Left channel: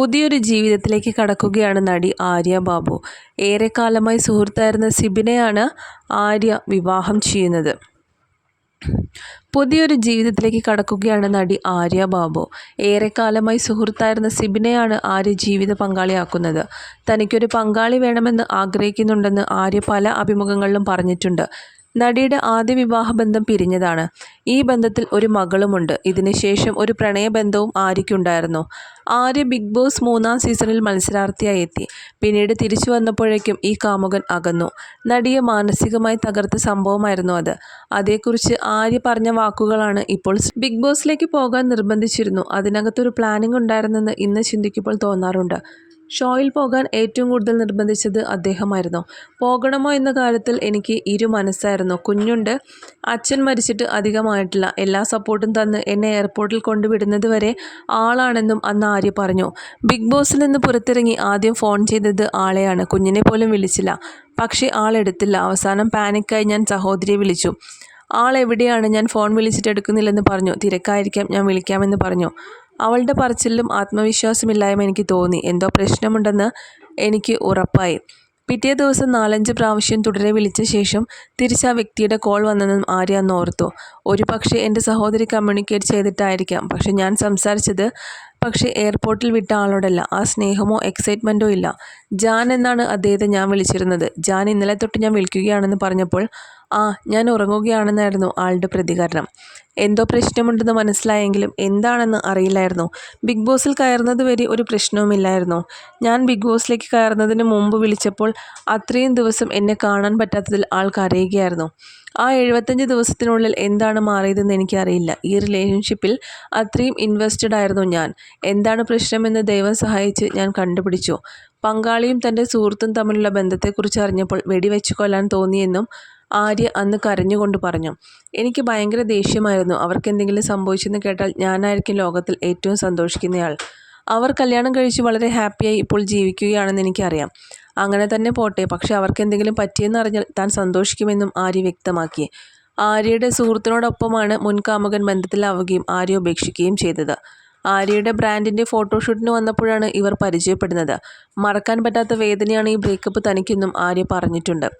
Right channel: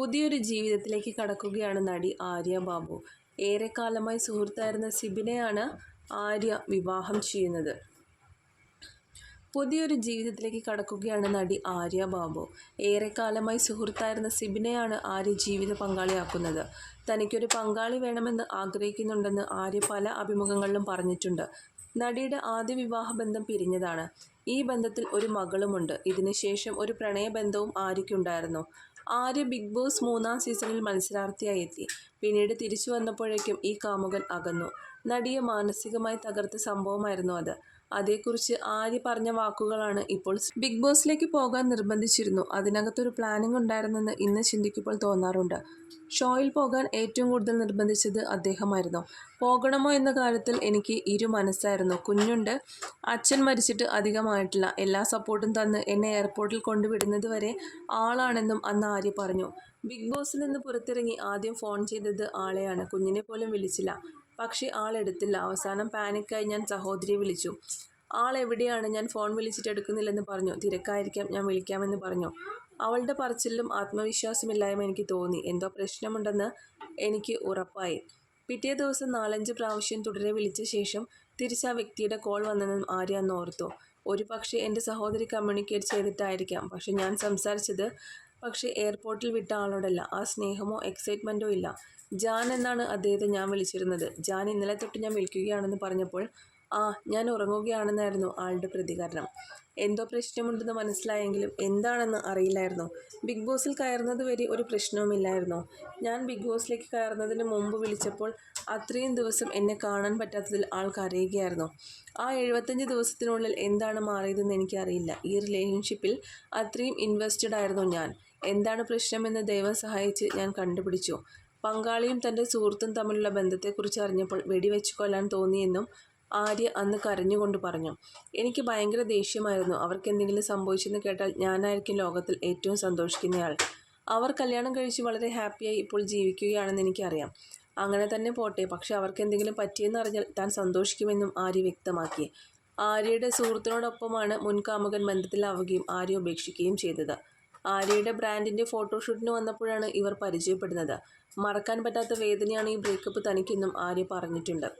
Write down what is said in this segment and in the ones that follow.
പുതിയൊരു ജീവിതത്തിലേക്ക് കടക്കുകയാണ് നടി ആര്യ ബാബു. ഏറെക്കാലമായി സുഹൃത്തായിരുന്ന സിബിനെയാണ് ആര്യ വിവാഹം ചെയ്യുന്നത്. പുതിയൊരു ജീവിതത്തിലേക്ക് കടക്കുകയാണ് നടി ആര്യ ബാബു. ഏറെക്കാലമായി സുഹൃത്തായിരുന്ന സിബിനെയാണ് ആര്യ ജീവിത പങ്കാളിയാക്കുന്നത്. തനിക്കൊരു പങ്കാളി വേണമെന്ന് ആഗ്രഹിക്കുന്നുണ്ടെന്ന് ആര്യ പല അഭിമുഖങ്ങളിലും പറഞ്ഞിട്ടുണ്ട്. നടിയുടെ ആദ്യ വിവാഹബന്ധം പിരിഞ്ഞതാണ്. ഈ ബന്ധത്തിൽ ഒരു മകളുമുണ്ട്. ഇതിനുശേഷം ഒരു പ്രണയബന്ധവും ആര്യയ്ക്കുണ്ടായിരുന്നു. ആര്യ ബിഗ് ബോസ് മൂന്നാം സീസണിൽ മത്സരാർത്ഥിയായി എത്തി. പിന്നീട് തിരിച്ചു വന്നപ്പോഴേക്കും ഈ കാമുകൻ അകന്നു. നടിയെ മാനസികമായി തകർത്ത സംഭവമായിരുന്നു അത്. അതേക്കുറിച്ച് ആര്യ പറഞ്ഞ വാക്കുകളാണ് ഇപ്പോൾ ബിഗ് ബോസിലേക്ക് പോകാൻ നിർബന്ധിച്ചിരുന്നു. അതിനകത്തൊരു പ്ലാനിംഗ് ഉണ്ടായിരുന്നെന്ന് ഇന്ന് ചിന്തിക്കുമ്പോൾ തോന്നാറുണ്ട്. ഷോയിൽ പോകാൻ ഏറ്റവും കൂടുതൽ നിർബന്ധിച്ചത് അദ്ദേഹമായിരുന്നു. പോകണമോ എന്ന കാര്യത്തിൽ എനിക്ക് ഇരു മനസ്സായിരുന്നു. കുഞ്ഞുണ്ട്. അച്ഛൻ മരിച്ചിട്ട് അധികമായിട്ടില്ല. എല്ലാ സപ്പോർട്ടും തന്ന് എന്നെ എയർപോർട്ടിൽ കൊണ്ടുവിടുന്നത് വരെ ആളാണെന്നും അന്ന് ആര്യ പറഞ്ഞു. ബിഗ് ബോസിൽ നിന്ന് പുറത്തിറങ്ങി ആദ്യം ഫോൺ ചെയ്തത് ആളെയാണ്. കുഞ്ഞിനെ പോലും വിളിച്ചില്ല. പക്ഷേ ആളെടുത്തില്ല അവസാനം പാനിക്കായി ഞാൻ സഹോദരിയെ വിളിച്ചു. ആൾ എവിടെയാണ്? ഞാൻ ഫോൺ വിളിച്ചിട്ട് എടുക്കുന്നില്ലെന്ന് പറഞ്ഞു. തിരക്കായിരിക്കാം. ഞാൻ വിളിക്കാമെന്ന് പറഞ്ഞു. അവളുടെ പറച്ചിലും ആത്മവിശ്വാസമില്ലായ്മ എനിക്ക് തോന്നി. എന്തോ പ്രശ്നമുണ്ടെന്ന് എനിക്ക് ഉറപ്പായി. പിറ്റേ ദിവസം നാലഞ്ച് പ്രാവശ്യം തുടരെ വിളിച്ച ശേഷം തിരിച്ച് ആ വ്യക്തിയുടെ കോൾ വന്നെന്നും ആര്യ ഓർത്തു. ഒരു പക്ഷേ എന്റെ സഹോദരി കമ്മ്യൂണിക്കേറ്റ് ചെയ്തിട്ടായിരിക്കാം. പക്ഷെ ഞാൻ സംസാരിച്ചത് പക്ഷേ എയർപോർട്ടിൽ വിട്ട ആളോടല്ല. ആ സ്നേഹമോ എക്സൈറ്റ്മെന്റോ ഇല്ല. ജാൻ എന്നാണ് അദ്ദേഹത്തെ ഞാൻ വിളിച്ചിരുന്നത്. ജാൻ ഇന്നലെ തൊട്ട് ഞാൻ വിളിക്കുകയാണെന്ന് പറഞ്ഞപ്പോൾ ആ ഞാൻ ഉറങ്ങുകയാണെന്നായിരുന്നു ആളുടെ പ്രതികരണം. എന്തോ പ്രശ്നമുണ്ടെന്ന് മനസ്സിലായെങ്കിലും എന്താണെന്ന് അറിയില്ലായിരുന്നു. ബിഗ് ബോസിൽ കയറുന്നത് വരെ ഒരു പ്രശ്നവുമില്ലായിരുന്നു. ഞാൻ ബിഗ് ബോസിലേക്ക് കയറുന്നതിന് മുമ്പ് വിളിച്ചപ്പോൾ അത്രയും ദിവസം എന്നെ കാണാൻ പറ്റാത്തതിൽ ആൾ കരയുകയായിരുന്നു. ആ എഴുപത്തഞ്ച് ദിവസത്തിനുള്ളിൽ എന്താണ് മാറിയതെന്ന് എനിക്കറിയില്ല. ഈ റിലേഷൻഷിപ്പിൽ അത്രയും ഇൻവെസ്റ്റഡ് ആയിരുന്നു ഞാൻ. എന്താണ് പ്രശ്നമെന്ന് ദൈവം സഹായിച്ച് ഞാൻ കണ്ടുപിടിച്ചു. പങ്കാളിയും തന്റെ സുഹൃത്തും തമ്മിലുള്ള ബന്ധത്തെക്കുറിച്ച് അറിഞ്ഞപ്പോൾ വെടിവെച്ച് കൊല്ലാൻ തോന്നിയെന്നും ആര്യ അന്ന് കരഞ്ഞുകൊണ്ട് പറഞ്ഞു എനിക്ക് ഭയങ്കര ദേഷ്യമായിരുന്നു. അവർക്ക് എന്തെങ്കിലും സംഭവിച്ചെന്ന് കേട്ടാൽ ഞാനായിരിക്കും ലോകത്തിൽ ഏറ്റവും സന്തോഷിക്കുന്നയാൾ. അവർ കല്യാണം കഴിച്ച് വളരെ ഹാപ്പിയായി ഇപ്പോൾ ജീവിക്കുകയാണെന്ന് എനിക്കറിയാം. അങ്ങനെ തന്നെ പോട്ടെ പക്ഷേ അവർക്ക് എന്തെങ്കിലും പറ്റിയെന്ന് അറിഞ്ഞാൽ താൻ സന്തോഷിക്കുമെന്നും ആര്യ വ്യക്തമാക്കി. ആര്യയുടെ സുഹൃത്തിനോടൊപ്പമാണ് മുൻകാമുകൻ ബന്ധത്തിലാവുകയും ആര്യ ഉപേക്ഷിക്കുകയും ചെയ്തത്. ആര്യയുടെ ബ്രാൻഡിന്റെ ഫോട്ടോഷൂട്ടിന് വന്നപ്പോഴാണ് ഇവർ പരിചയപ്പെടുന്നത്. മറക്കാൻ പറ്റാത്ത വേദനയാണ് ഈ ബ്രേക്കപ്പ് തനിക്കെന്നും ആര്യ പറഞ്ഞിട്ടുണ്ട്.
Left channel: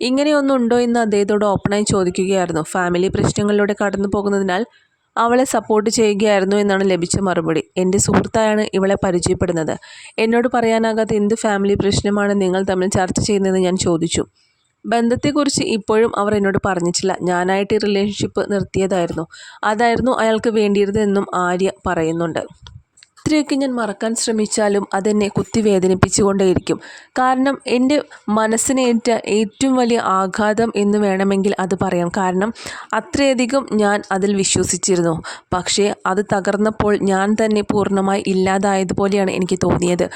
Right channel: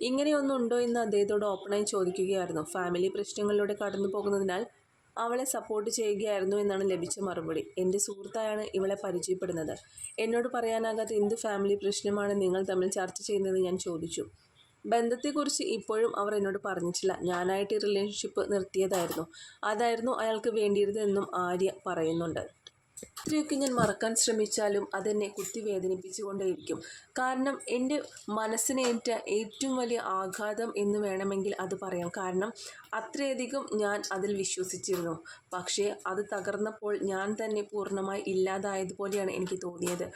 ഇങ്ങനെയൊന്നും ഉണ്ടോ എന്ന് അദ്ദേഹത്തോട് ഓപ്പണായി ചോദിക്കുകയായിരുന്നു. ഫാമിലി പ്രശ്നങ്ങളിലൂടെ കടന്നു പോകുന്നതിനാൽ അവളെ സപ്പോർട്ട് ചെയ്യുകയായിരുന്നു എന്നാണ് ലഭിച്ച മറുപടി. എന്റെ സുഹൃത്തായാണ് ഇവളെ പരിചയപ്പെടുന്നത്. എന്നോട് പറയാനാകാത്ത എന്ത് ഫാമിലി പ്രശ്നമാണ് നിങ്ങൾ തമ്മിൽ ചർച്ച ചെയ്യുന്നതെന്ന് ഞാൻ ചോദിച്ചു. ബന്ധത്തെക്കുറിച്ച് ഇപ്പോഴും അവർ എന്നോട് പറഞ്ഞിട്ടില്ല. ഞാനായിട്ട് ഈ റിലേഷൻഷിപ്പ് നിർത്തിയതായിരുന്നു. അതായിരുന്നു അയാൾക്ക് വേണ്ടിയിരുന്നതെന്നും ആര്യ പറയുന്നുണ്ട്. ഇത്രയൊക്കെ ഞാൻ മറക്കാൻ ശ്രമിച്ചാലും അതെന്നെ കുത്തി വേദനിപ്പിച്ചുകൊണ്ടേയിരിക്കും കാരണം എന്റെ മനസ്സിനേറ്റ ഏറ്റവും വലിയ ആഘാതം എന്ന് വേണമെങ്കിൽ അത് പറയാം. കാരണം അത്രയധികം ഞാൻ അതിൽ വിശ്വസിച്ചിരുന്നു. പക്ഷേ അത് തകർന്നപ്പോൾ ഞാൻ തന്നെ പൂർണമായി ഇല്ലാതായതുപോലെയാണ് എനിക്ക് തോന്നിയത്.